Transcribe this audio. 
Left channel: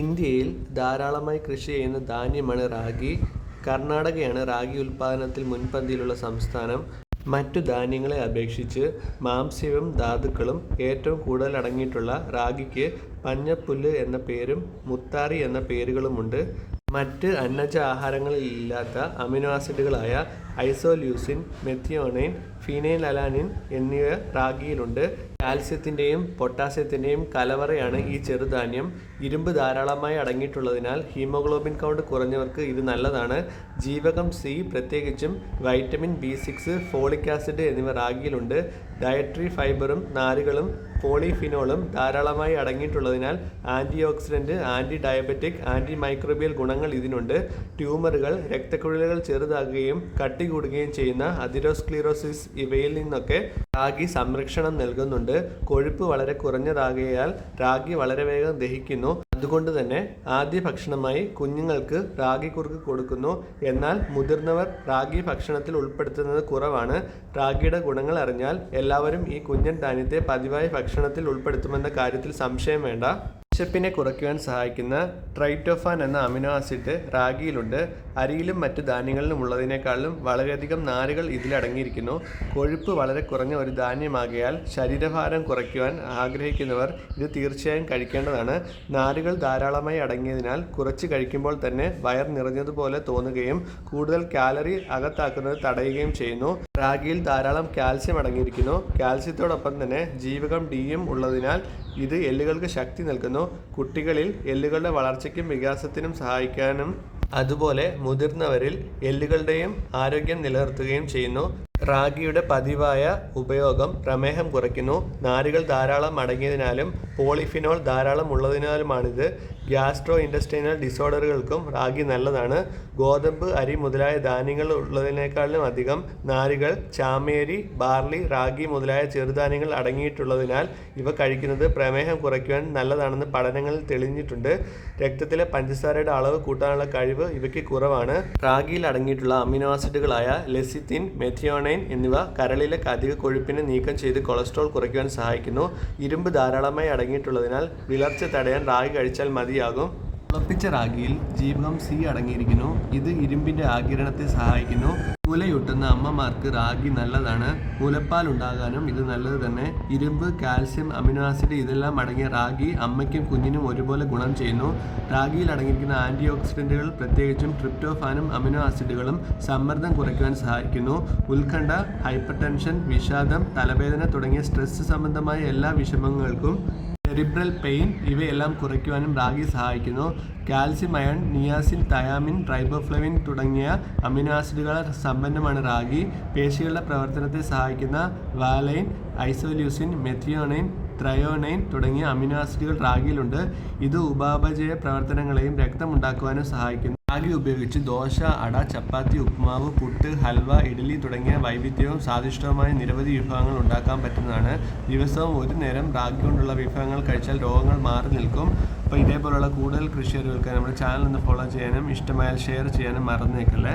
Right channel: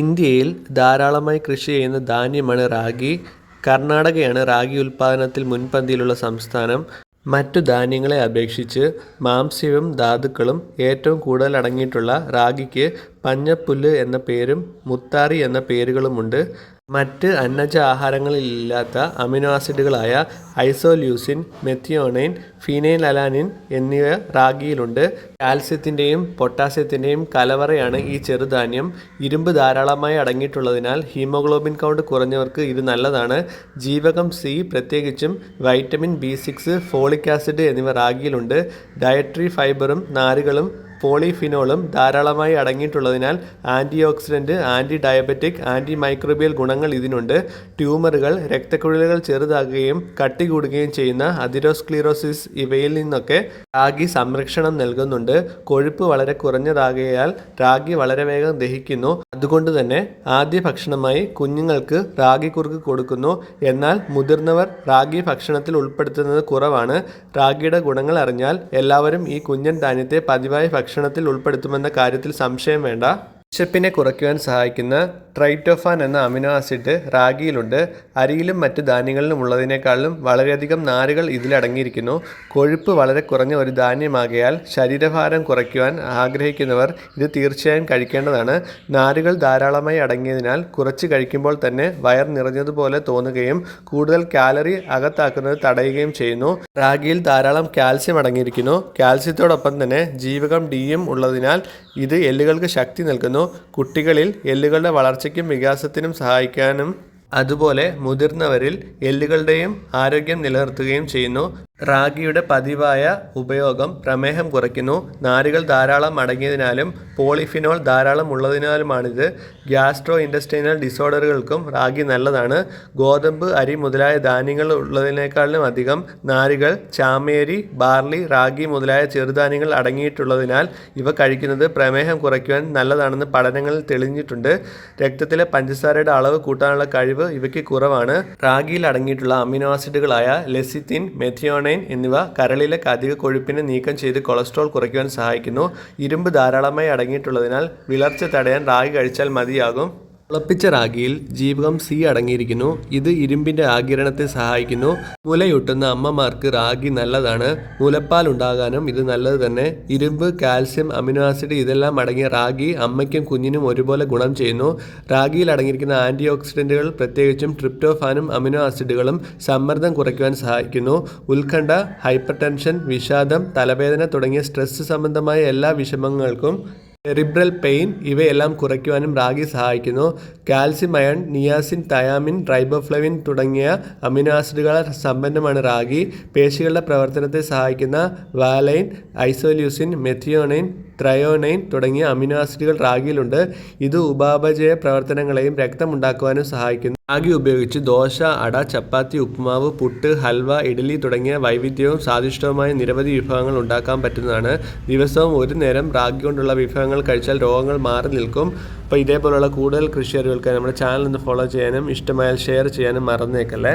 ഇന്ത്യയിൽ ധാരാളമായി കൃഷി ചെയ്യുന്ന ധാന്യമാണ് റാഗി. കർണാടകയാണ് റാഗി ഉൽപാദനത്തിൽ മുൻപന്തിയിലുള്ള സംസ്ഥാനം. മറ്റു ധാന്യങ്ങളെ അപേക്ഷിച്ച് മാംസ്യവും ധാതുക്കളും ഏറ്റവും കൂടുതൽ അടങ്ങിയിട്ടുള്ള റാഗിക്ക് പഞ്ഞപ്പുല്ല് എന്ന പേരും മുത്താറി എന്ന പേരുകളുമുണ്ട്. മറ്റ് അന്നജ ആഹാരങ്ങളിലില്ലാത്ത അമിനോ ആസിഡുകളായ ഐസോല്യൂസിൻ, മെത്തിയോണൈൻ ഫിനൈൻ അലാനിൻ എന്നിവ റാഗിയിലുണ്ട്. കാൽസ്യത്തിന്റെയും പൊട്ടാസ്യത്തിന്റെയും കലവറയാണ് ഈ ചെറുധാന്യം. ഇരുമ്പ് ധാരാളമായി അടങ്ങിയിട്ടുള്ളതിനാൽ ഹീമോഗ്ലോബിൻ കൗണ്ട് കുറഞ്ഞവർക്ക് ഇത് നല്ലതാണ്. ജീവകം സി, പ്രത്യേകിച്ചും vitamin B six, folic acid എന്നിവ റാഗിയിലുണ്ട്. ഡയറ്ററി ഫൈബറും നാരുകളും പോളിഫിനോളും ധാരാളമായി അടങ്ങിയിട്ടുള്ളതിനാൽ antioxidant antidiabetic, antimicrobial ഗുണങ്ങൾ ഇതിനുണ്ട്. ട്യൂമറുകൾ, രക്തക്കുഴലുകൾ ചെറുതാകുകയും കട്ടി കൂടുകയും ചെയ്യുന്ന അതിരോസ്ക്ലീറോസിസ് ഇവയിൽ നിന്നൊക്കെ റാഗി സംരക്ഷണം നൽകുന്നുണ്ട്. കൊഴുപ്പ് വളരെ കുറഞ്ഞതാകയാൽ റാഗി വളരെ വേഗം ദഹിക്കുന്നു. അതുകൊണ്ടുതന്നെ ആദ്യ ഭക്ഷണമായി കുഞ്ഞുങ്ങൾക്ക് റാഗി കുറുക്ക് കൊടുക്കുന്നു. എന്നാൽ മുതിർന്നവർ റാഗി ഭക്ഷണത്തിൽ ഉൾപ്പെടുത്തുന്നത് കുറവാണ്. റാഗിയുടെ ഗുണങ്ങൾ അറിഞ്ഞാൽ എല്ലാവരും ഈ കുഞ്ഞൻ ധാന്യത്തെ പതിവായി ഭക്ഷണത്തിൽ ഉൾപ്പെടുത്തുമെന്ന കാര്യത്തിൽ സംശയം വേണ്ട. വിശപ്പിനെ കുറയ്ക്കുവാൻ സഹായിക്കുന്ന ട്രൈറ്റോഫാൻ എന്ന അമിനോ ആസിഡ് റാഗിയിലുണ്ട്. അരിയിലും മറ്റ് ധാന്യങ്ങളിലും ഉള്ളതിനേക്കാളും വളരെയധികം നാരുകൾ ഇതിലടങ്ങിയിരിക്കുന്നു. കൊഴുപ്പ് വളരെ കുറഞ്ഞ ഒരു ധാന്യമാകയാൽ ശരീരഭാരം കുറയ്ക്കുവാൻ ആഗ്രഹിക്കുന്നവർ ഇത് തീർച്ചയായും കഴിക്കേണ്ടതാണ്. നാരുകൾ ധാരാളമായി അടങ്ങിയതിനാൽ കുറച്ച് കഴിക്കുമ്പോൾ തന്നെ വയർ നിറഞ്ഞതുപോലെ തോന്നുകയും കൂടുതൽ കാലറി അകത്താക്കുന്നത് തടയുകയും ചെയ്യുന്നു. റാഗിയിൽ ധാരാളം കാൽസ്യം അടങ്ങിയിരിക്കുന്നു. കാൽസ്യത്തോടൊപ്പം തന്നെ ജീവകം ഡിയും ഉള്ളതിനാൽ ഇത് എല്ലുകൾക്ക് ശക്തി നൽകുന്നു. കുട്ടികളിൽ എല്ലുകളുടെ വളർച്ചയ്ക്കും വികാസത്തിനും സഹായിക്കാനും അതുപോലെ മുതിർന്നവരിൽ എല്ലുകളുടെയും ആരോഗ്യം നിലനിർത്തുകയും ചെയ്യുന്നു. റാഗിയുടെ പതിവായ ഉപയോഗം പ്രമേഹം കുറയ്ക്കുന്നു. നാരുകൾ ധാരാളം അടങ്ങിയതിനാലും പോളിഫിനോൾ ധാരാളം ഉള്ളതിനാലുമാണിത്. ഗ്യാസ്ട്രോ ഇൻഡസ്ട്രീനൽ ഡിസോർഡറുകൾക്കും റാഗി നല്ലതാണ്. ഗോതമ്പ്, അരി മുതലായ ധാന്യങ്ങൾ ഉള്ളതിനേക്കാളും അധികം നാരുകൾ ചാമേരി ബാർലി, റാഗി മുതലായ ചെറുധാന്യങ്ങൾ അടങ്ങിയിട്ടുള്ളതിനാൽ ഇവ കഴിക്കുന്നത് പ്രമേഹം കുറയ്ക്കുവാൻ നല്ലതാണെന്ന് പഠനങ്ങളിൽ തെളിഞ്ഞിട്ടുണ്ട്. രക്തത്തിലെ പഞ്ചസാരയുടെ അളവ് കൂട്ടാനുള്ള കഴിവ് ഇവയ്ക്ക് കുറവാണ്. റാഗിയിൽ അടങ്ങിയിട്ടുള്ള അമിനോ ആസിഡുകളായ ലെസിത്തിൻ, മെഥിയോനൈൻ എന്നിവ കരളിലെ അധിക കൊഴുപ്പിനെ നീക്കം ചെയ്ത് കൊളസ്ട്രോൾ കുറയ്ക്കുവാൻ സഹായിക്കുന്നു. ഇരുമ്പ് ധാരാളമായി അടങ്ങിയിട്ടുള്ളതിനാൽ വിളർച്ച തടയാൻ റാഗി കഴിച്ചാൽ മതിയാകും. മുളപ്പിച്ച റാഗിയിൽ ജീവകം സി അടങ്ങിയിരിക്കുന്നു. ഇത് ഇരുമ്പിന്റെ ആകിരണത്തെ സഹായിക്കുന്നു. മുലയൂട്ടുന്ന അമ്മമാർക്ക് റാഗി നല്ലതാണ്. മുലപ്പാൽ ഉണ്ടാകാനും ഇത് നല്ലത് തന്നെ. ഇരുമ്പ്, കാൽസ്യം, അമിനോ ആസിഡ് ഇതെല്ലാം അടങ്ങിയ റാഗി അമ്മയ്ക്കും കുഞ്ഞിനും ഒരുപോലെ ഗുണം ചെയ്യുന്നു. റാഗിയിൽ അടങ്ങിയിരിക്കുന്ന ആന്റി ഓക്സിഡന്റുകൾ പ്രത്യേകിച്ചും ട്രിപ്റ്റോഫാനും അമിനോ ആസിഡുകളും സമ്മർദ്ദം കുറയ്ക്കുവാൻ സഹായിക്കുന്നു. ഉത്കണ്ഠ, ഹൈപ്പർടെൻഷൻ, വിഷാദം, തലവേദന തുടങ്ങിയ സ്ട്രെസ് സംബന്ധമായ എല്ലാ വിഷമങ്ങൾക്കും സെറിബ്രൽ പെയിൻ ഇവയെല്ലാം കുറയ്ക്കുവാനും റാഗി സഹായിക്കുന്നു. Calcium, iron, niacin, thiamine, riboflavin തുടങ്ങിയ അമിനോ ആസിഡുകളാൽ സമ്പന്നമാണ് റാഗി. പേശികളുടെ പ്രവർത്തനത്തെ സഹായിക്കുന്ന വാലൈൻ, ഐസോല്യൂസിൻ, മെഥിയോനൈൻ, ത്രയോനൈൻ തുടങ്ങിയ അമിനോ ആസിഡുകൾ റാഗിയിലുണ്ട്. ഇത് ഉപാപചയ പ്രവർത്തനങ്ങളെയും രക്തമുണ്ടാക്കുവാനും സഹായിക്കുന്നു. റാഗി ഉപയോഗിച്ച് ദോശ, അട, ചപ്പാത്തി, ഉപ്പുമാവ്, പുട്ട്, ഹൽവ, ഇഡ്ഡലി തുടങ്ങിയ വൈവിധ്യവും സ്വാദിഷ്ടവുമായ നിരവധി വിഭവങ്ങൾ ഉണ്ടാക്കാൻ പറ്റുന്നതാണ്. ദിവസവും ഒരു നേരം റാഗി കൊണ്ടുള്ള വിഭവങ്ങൾ കഴിച്ചാൽ രോഗങ്ങൾ മാറി നിൽക്കും. അപ്പോൾ ഇതേപോലുള്ള കൂടുതൽ കൃഷി അറിവുകൾക്ക് നമ്മുടെ ചാനൽ ഒന്ന് ഫോളോ ചെയ്യാനും ഇഷ്ടമായാൽ ഷെയർ ചെയ്യാനും മറന്നേക്കല്ലേ.